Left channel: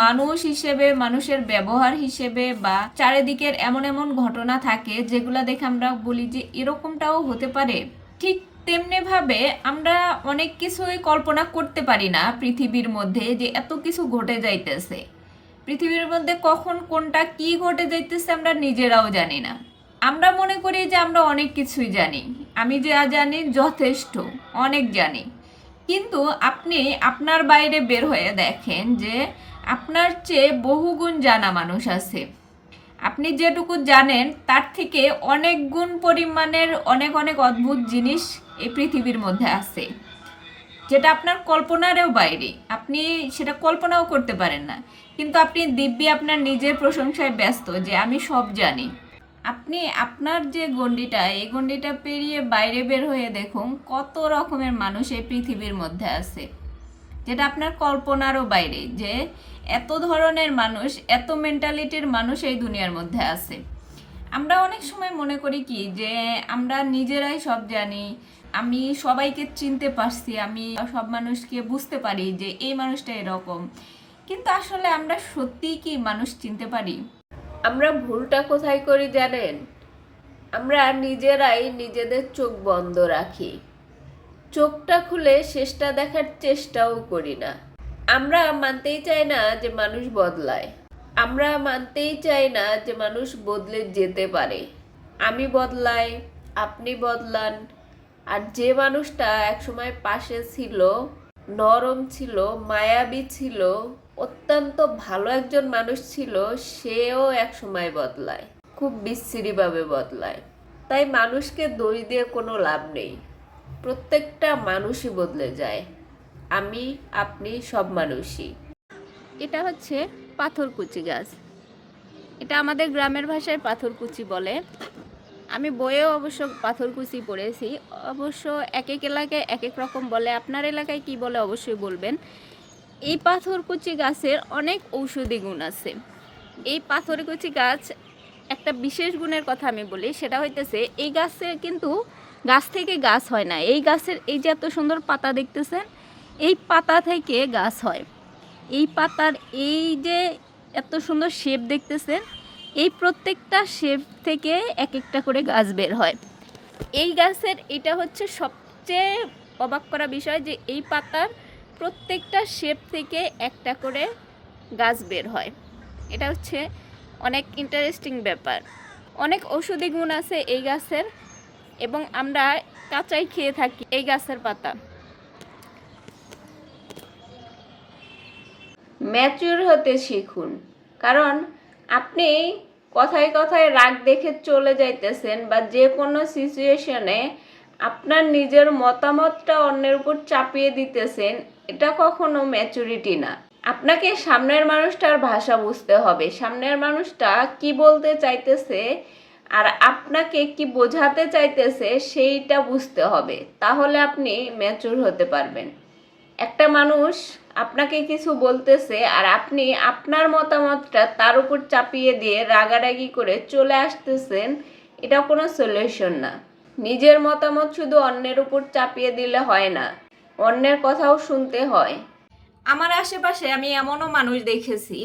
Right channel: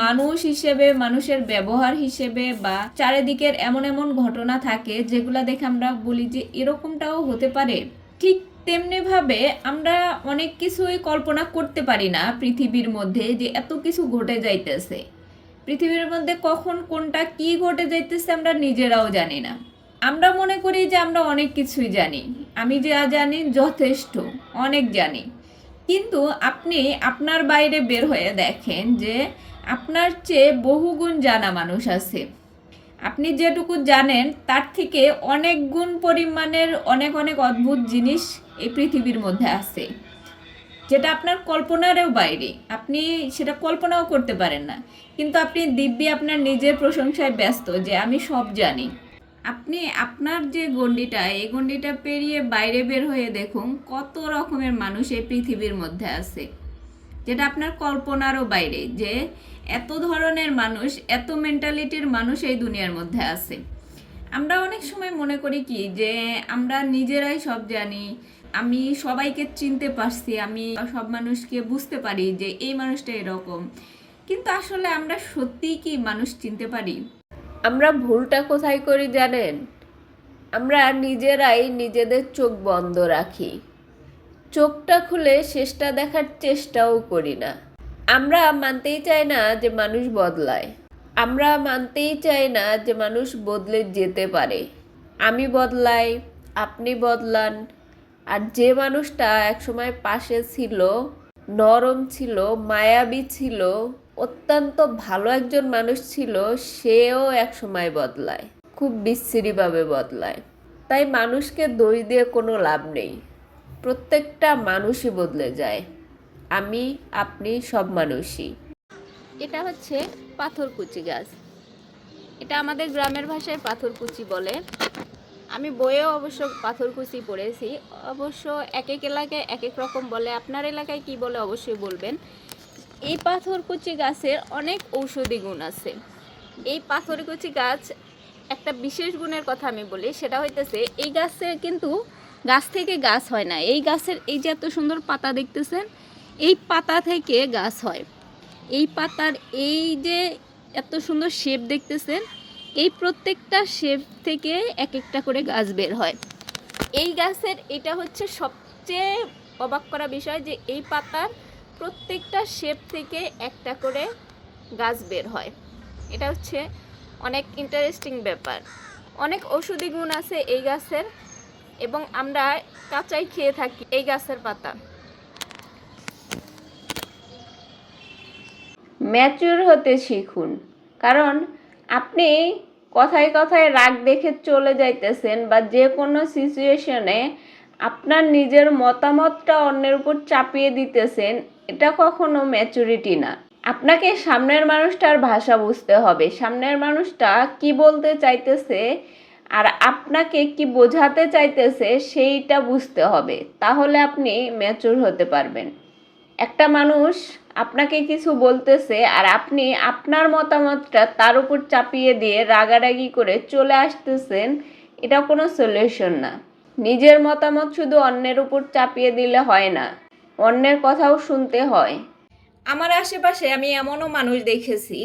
মানুষ হিসেবে, মানুষের ব্যবহার হিসেবে বা চারিদিকের এমন এমন ঘটনা থাকে যেগুলো দেখে আমরা বলি যে এরকমটাও হতে পারে। ঠিক তেমনি ভাবে আমরা অনেক কিছুই কল্পনা করতে পারি না পৃথিবীর মধ্যে যে এত কিছু ঘটে যাইতেছে। পৃথিবীর মধ্যে কখন কোনটা কি ঘটে যাইতেছে আমরা নিজেরাও জানি না। আমরা মনে করি যে আমরা অনেক কিছুই জানি, আমি যা জানি যথেষ্ট, অনেক জানি। কিন্তু আপনি আপনার বাইরে বের হয়ে দেখেন যে আপনার চেয়ে বহুগুণ জানা মানুষ আছে। আপনি যেটুকু জানেন তার থেকে অনেক গুণ পরিমাণের অনেক অনেক অদ্ভুত জিনিস এই পৃথিবীর মধ্যে আছে, যেটা আপনার কল্পনারও বাইরে, আপনি সেটা কল্পনাও করতে পারেন না। কিন্তু আপনি দিব্যি আপনার নিজের প্রশংসায় ব্যস্ত যে আমি সব জানি। আপনি আপনার যে গণ্ডিটা, এই গণ্ডিটা পেরিয়ে বাইরে বের হয়ে দেখুন কত রকমের মানুষ এই পৃথিবীর মধ্যে আছে, যেটা আপনার কল্পনারও বাইরে, যে এত ধরনের মানুষ, এত মেন্টালিটির মানুষ এই দুনিয়ার মধ্যে আছে। আমরা অনেক সময় মনে করি কি যে আমরা নিজেরাই সব জানি, আমি সবাইকে চিনতে পারছি, আমি সব মানুষকে বুঝতে পারি যে এই মানুষটা এরকম। কিন্তু আসলে আমরা সত্যিই কি মানুষ চিনতে পারি? আমরা ভুলটা কোথায় করি জানেন? আমরা নিজেরাই নিজেদের চোখ বন্ধ রাখি, চোখটা খুলে শেষটা দেখার চেষ্টাও করি না। আমরা মানতেই চাই না যে মানুষ বদলায়, আমরা মানতেই চাই না যে মানুষ বদলে যেতে পারে। আমি বদলাই, আপনি বদলান, আর যে মানুষটা একসময় পাশে ছিল, নরম ছিল, মায়াবী ছিল, অত্যন্ত ভালো একজন মানুষ ছিল, সেও একসময় বদলায়, খুব বিশ্রীভাবে বদলায়। তাই মানুষকে দোষ দিয়ে কোনো লাভ নেই, প্রত্যেকটা মানুষই বদলে যায়। আমি, আপনি সব মানুষই। এটা হচ্ছে পাথরকুচি গাছ, এটা আমাদের গ্রামের ভাষায় পাথরকুচি বলে। আমি বইয়েও অবশ্য পাথরকুচি পড়েছি, অবশ্য এক এক এলাকায় এক এক রকম বলে, আপনার এলাকায় কি বলে অবশ্যই বলবেন। এই পাথরকুচি গাছের অনেক ঔষধি গুণ আছে। এই পাথরকুচি গাছ একটা বিশেষ গুণের কথা আমি বলি, সেটা হইতেছে এই গাছের কিন্তু গাছ থেকে গাছ হয় না। এই গাছের এই যে এত সুন্দর পাতা দেখতেছেন, এই পাতা থেকে গাছ হয়। এই পাতার এই যে এত সুন্দর শেপ দেখতেছেন, এই প্রত্যেকটা শেপ থেকে এক একটা করে গাছ বের হয়। এই গাছের এটা হচ্ছে সবচেয়ে অবাক করা বিষয় যে এই পাতার প্রত্যেকটা শেপ থেকে একটা করে গাছ বের হয়। এটা হচ্ছে অনেক ইন্টারেস্টিং ব্যাপার। অনেক ঔষধি গুণ আছে এই গাছের, এবং আমরা কাঁচাই খেয়ে থাকি এই গাছের পাতা। ম্যাচিউর হতে শিখুন, কারণ আপনি কথায় কথায় রাগ দেখে চলে যাইতেছেন, বা যে কোনো সিচুয়েশনে আপনার নিজের মতামতটা অন্যের উপর চাপিয়ে দিতেছেন, এটা কখনো ম্যাচুরিটি না। আপনাকে সামনের মানুষটার ভাষা বুঝতে হবে, সামনের মানুষটা কি বলতে চাইতেছে আর আপনাকে কি বোঝাতে চাইতেছে সেইটা বুঝতে হবে, তাহলে আপনি ম্যাচুর হতে পারবেন। একটা মানুষ আপনাকে কিছু বলতেছে আর আপনি আপনার মতামতটা তার উপর চাপিয়ে দিয়ে রাগারাগি করে চলে আসতেছেন, এটা কোনো সলিউশন না। নিজের মতামত শুধু অন্যের উপর চাপিয়ে দিলে হয় না, অন্যের কথাও শুনতে হয়। আমার আশেপাশে আমি এমনও মানুষ দেখেছি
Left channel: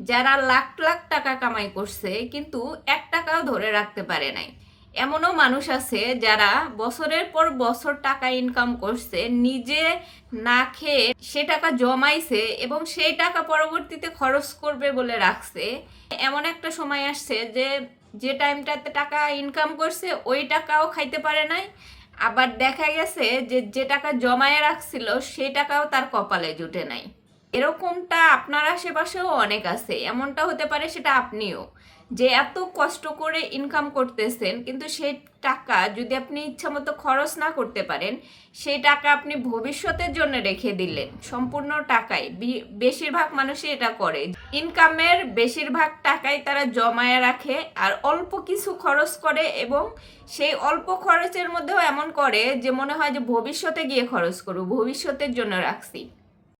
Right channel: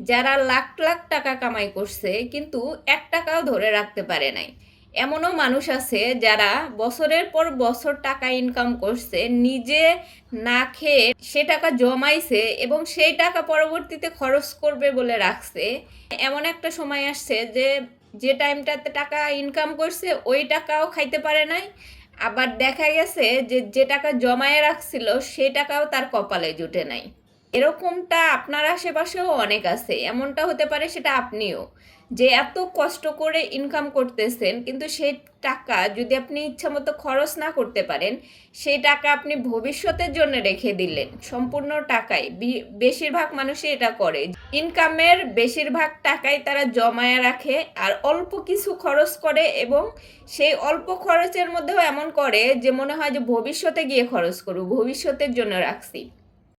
যারা লাখ লাখ টাকা কামাই করছে কিন্তু 1 টাকাও ধরে রাখতে পারে নাই। এমনও মানুষ আছে যারা বছরের পর বছর টাকা ইনকাম করছে, নিজে না খেয়ে সে টাকা জমাইছে এবং সেই টাকা পরবর্তীতে খরচ করবে বলে রাখছে। এমন একটা সময় আসছে যে যে টাইমটাতে টাকা ইনকাম করছে ওই টাকাও খাইতে পারে নাই, আবার দেখা গেছে যে যে টাকা জমায়ে রাখছিল সেই টাকাও তার কপালে জুটে নাই। এরকমটা আপনার আশেপাশেও অনেক আছে, এমনটা হতে পারে সেটা আপনিও, যে এত কষ্ট করে ইনকাম করতেছেন কিন্তু সেই টাকা যদি আপনি ইচ্ছা মতো খরচ না করতে পারেন, সেই টাকা আপনি ভবিষ্যতের জন্য রেখে দিলেন সম্পূর্ণ টাকাই। বেশিরভাগ মানুষই এটা করে, ইনকামের বেশিরভাগ টাকাই তারা জমায়ে রাখে আর অল্প কিছু খরচ করে, এবং সেই অল্প খরচের মধ্যেও এমন করে যে মনে হয় যে ভবিষ্যতে গিয়ে খরচ করব, ভবিষ্যতের জন্য রাখছি।